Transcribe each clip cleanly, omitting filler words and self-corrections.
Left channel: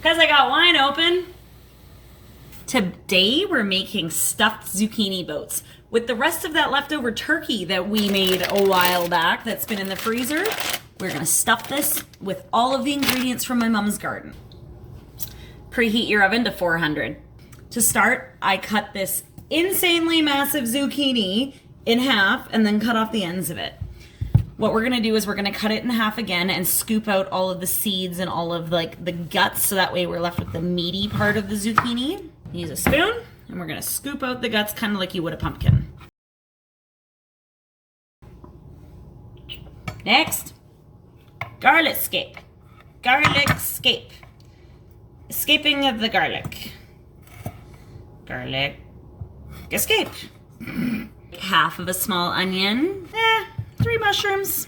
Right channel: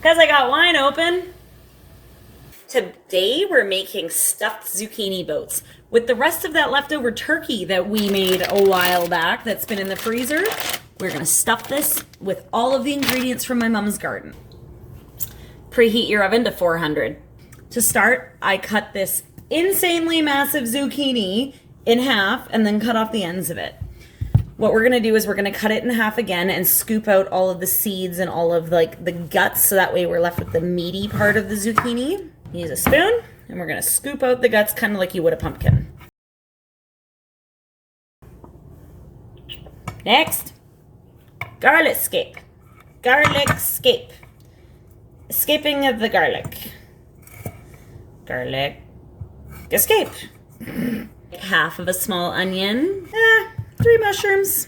Because I got wine open. Today we're making stuffed zucchini boats with the rest of that leftover turkey that we made a while back that's been in the freezer. We're gonna stuff this with all of the ingredients from my mom's garden. Preheat your oven to 400. To start, I cut this insanely massive zucchini in half and then cut off the ends of it. What we're gonna do is we're gonna cut it in half again and scoop out all of the seeds and all of like the guts, so that way we're left with the meaty part of the zucchini. Use a spoon and we're gonna scoop out the guts kind of like you would a pumpkin. Next, garlic scape. Garlic scape. Escaping of the garlic. Garlic escape. Half of a small onion. 3 mushrooms.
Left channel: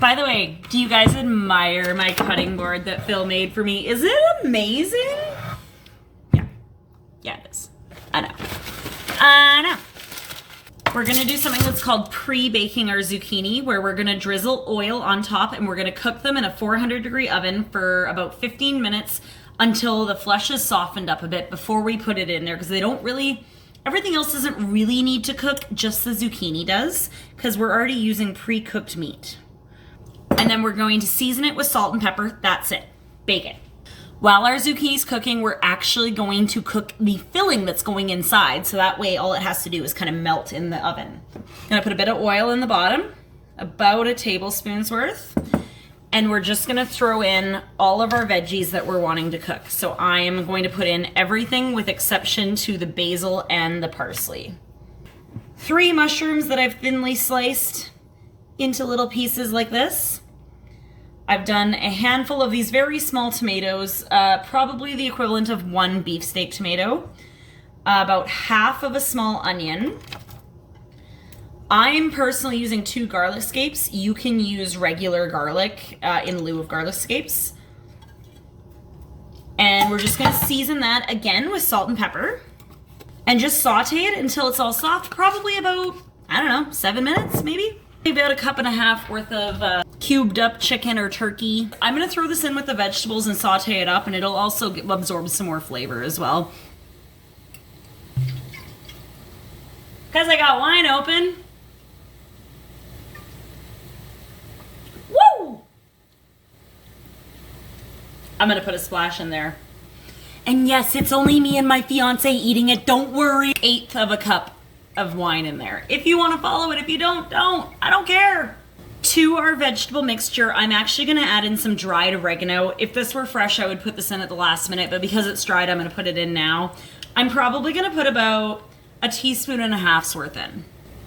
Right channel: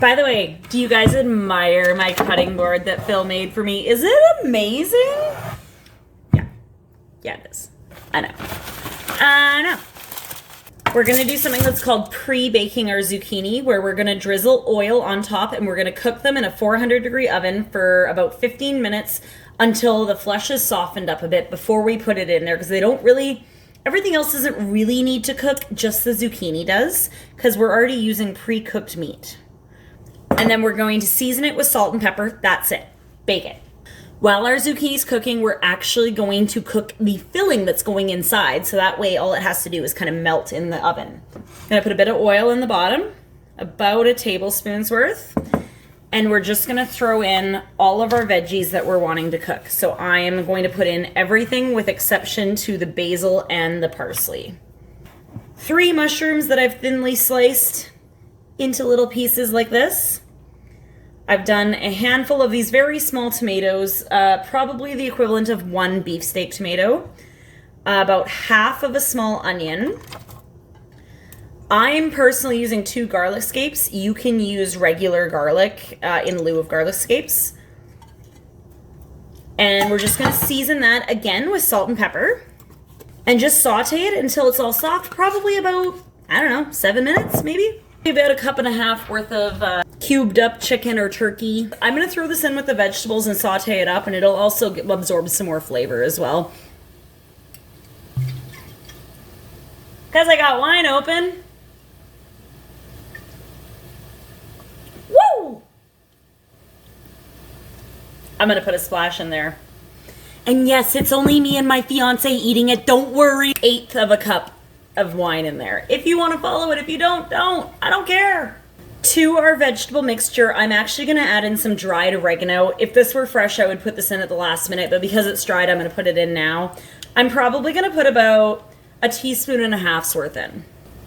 By the way, do you guys admire my cutting board that Phil made for me? Is it amazing? Yeah, it is. I know. We're gonna do something that's called pre-baking our zucchini, where we're gonna drizzle oil on top and we're gonna cook them in a 400-degree oven for about 15 minutes until the flesh is softened up a bit before we put it in there, because they don't really, everything else doesn't really need to cook, just the zucchini does, because we're already using pre-cooked meat. And then we're going to season it with salt and pepper. That's it. Bake it. While our zucchini's cooking, we're actually going to cook the filling that's going inside, so that way all it has to do is kind of melt in the oven. I'm gonna put a bit of oil in the bottom, about a tablespoon's worth, and we're just gonna throw in all of our veggies that we're wanting to cook. So I am going to put in everything with exception to the basil and the parsley. 3 mushrooms that I've thinly sliced into little pieces like this. I've done a handful of these very small tomatoes, probably the equivalent of 1 beefsteak tomato, about half of a small onion. I'm personally using 2 garlic scapes. You can use regular garlic in lieu of garlic scapes. And we're just gonna season that again with salt and pepper and just saute it until it's all soft, probably about, I don't know, 7 minutes maybe? About 1.5 cups worth of cubed up chicken or turkey. I'm gonna throw this in with the vegetables and saute it up, and it'll also absorb some more flavor as well. Because I got wine open. Woo! I'm gonna put a splash in there. And yes, it's only me and my fiance eating it, don't worry. 1/8 of a cup of wine in there. If you want to follow it, if you don't. I don't care. To our vegetable mixture, I'm actually going to add in some dried oregano. If this were fresh, I would put this in at the last minute, but because it's dried, I'm going to put it in now. I'm probably going to put about 1.5 teaspoons worth in.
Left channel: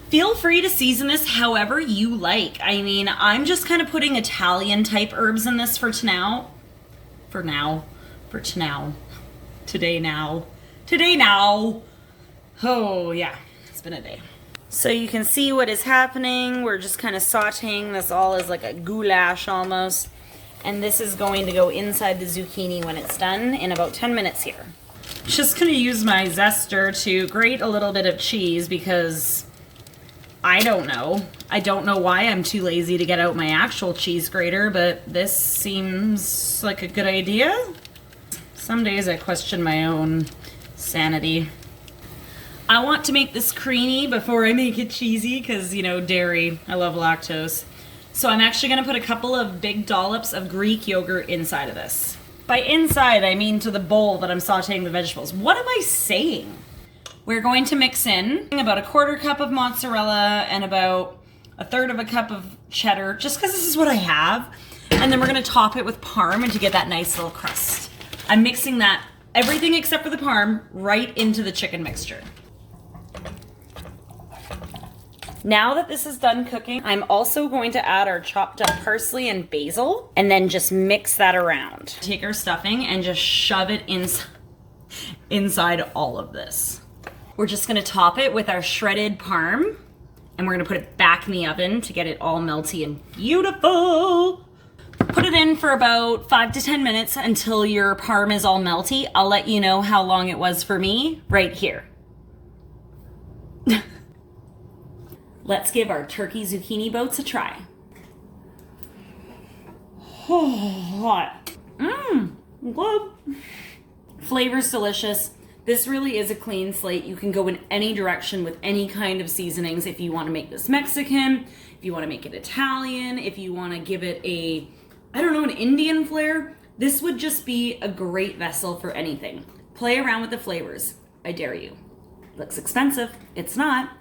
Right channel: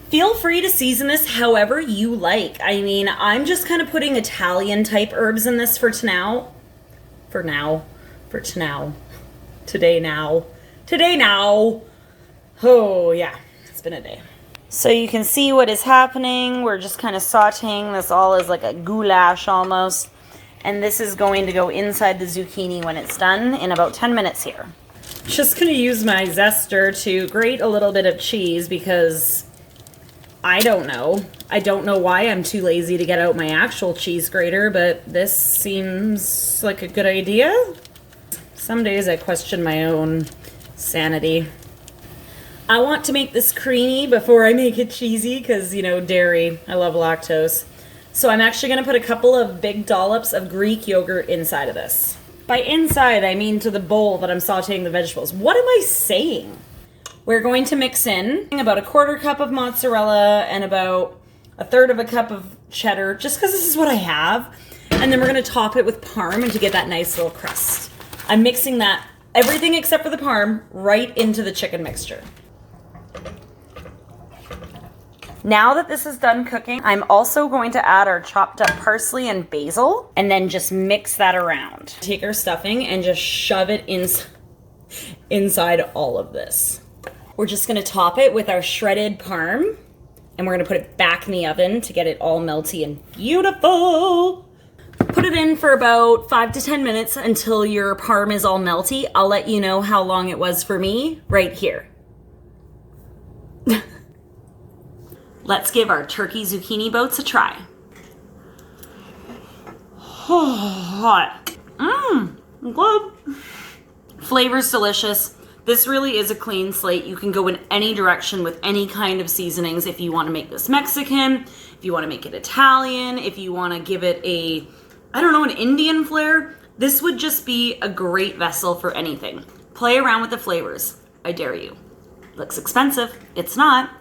Feel free to season this however you like. I mean, I'm just kind of putting Italian type herbs in this for now. Today now. Oh yeah. Been a day. So you can see what is happening. We're just kind of sauteing this all as like a goulash almost. And this is going to go inside the zucchini when it's done in about 10 minutes here. Just gonna use my zester to grate a little bit of cheese because I don't know why I'm too lazy to get out my actual cheese grater, but this seems like a good idea. Some days I question my own sanity. I want to make this creamy before I make it cheesy because, you know, dairy. I love lactose. So I'm actually going to put a couple of big dollops of Greek yogurt inside of this. By inside, I mean to the bowl that I'm sauteing the vegetables. What am I saying? We're going to mix in about 1/4 cup of mozzarella and about 1/3 of a cup of cheddar, just because this is what I have. And then we're going to top it with parm and to get that nice little crust. I'm mixing that, everything except for the parm, right into the chicken mixture. Now that this is done cooking, I'm also going to add our chopped up parsley and basil and then just mix that around. Take our stuffing and just shove it inside all of this. We're just gonna top it with our shredded parm and we're gonna put it back in the oven to get it all melty and beautiful. Put it in for about 5 to 10 minutes until your parm is all melty. I'll let you know how long it was for me right here. Let's give our turkey zucchini boats a try. Oh, hot. Good. Flavor's delicious. This really is a clean slate. You can go in any direction with any kind of seasonings. If you want to make this Mexican, if you want to make it Italian, if you want to give it a, I don't know, an Indian flair, this would just be a great vessel for anything. Play around with the flavors. I dare you. Looks expensive. It's not.